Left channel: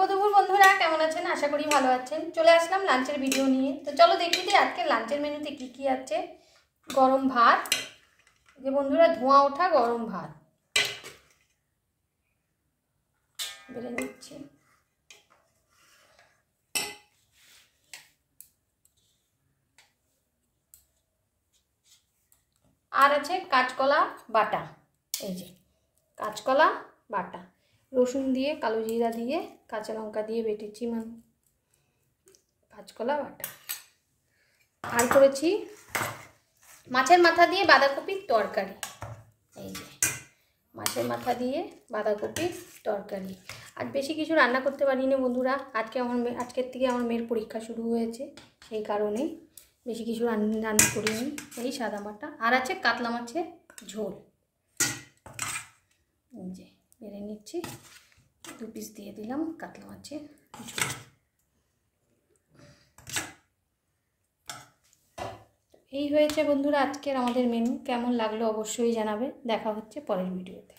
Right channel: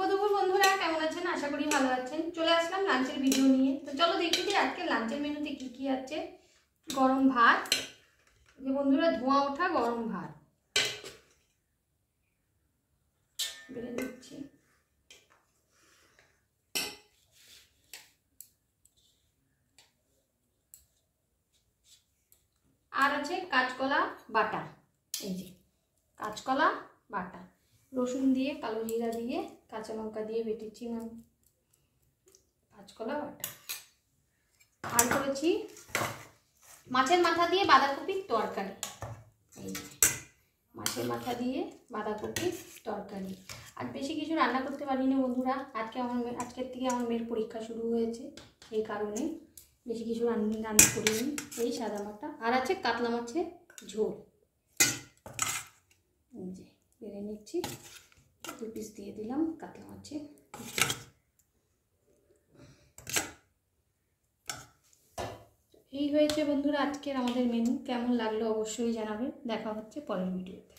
শুভ দুপুর বন্ধুরা, কেমন আছেন? আশা করি ভালো আছেন। চলে আসলাম লাঞ্চের ভিডিও নিয়ে। তো চলো দেখি দিই আজকে লাঞ্চের মেনুতে কি কি আছে। গরম ভাত, যে বন্ধুরা ধোঁয়া ওঠা গরম ভাত বেড়ে নিচ্ছি। আর আছে কাঁচকলা বাটা, এই যে কাঁচকলা বাটা, রসুন দিয়ে কালো জিরা দিয়ে কাঁচা লঙ্কা দিয়ে বেটেছি কাঁচকলা বাটা। আর করেছি মাছের মাথা দিয়ে বাঁধাকপির তরকারি, এই যে মাছের মাথা দিয়ে বাঁধাকপির তরকারি। আর বেশি কিছু রান্না করতে পারিনি বন্ধুরা, আজকের থেকে আমার মেয়ের পরীক্ষা শুরু হয়েছে, সেই কারণে বেশি কিছু রান্না করিনি, এই সাদা মাটা। আর আছে কাতলা মাছের ঝোল, যে বেড়ে নিচ্ছি, 2 পিস দিয়ে দিলাম কাতলা মাছের ঝোল। এই হয়েছে বন্ধুরা আজকের আমাদের মেনু। কেমন লাগলো অবশ্যই জানাবে। দেখা হচ্ছে পরের ভিডিওতে।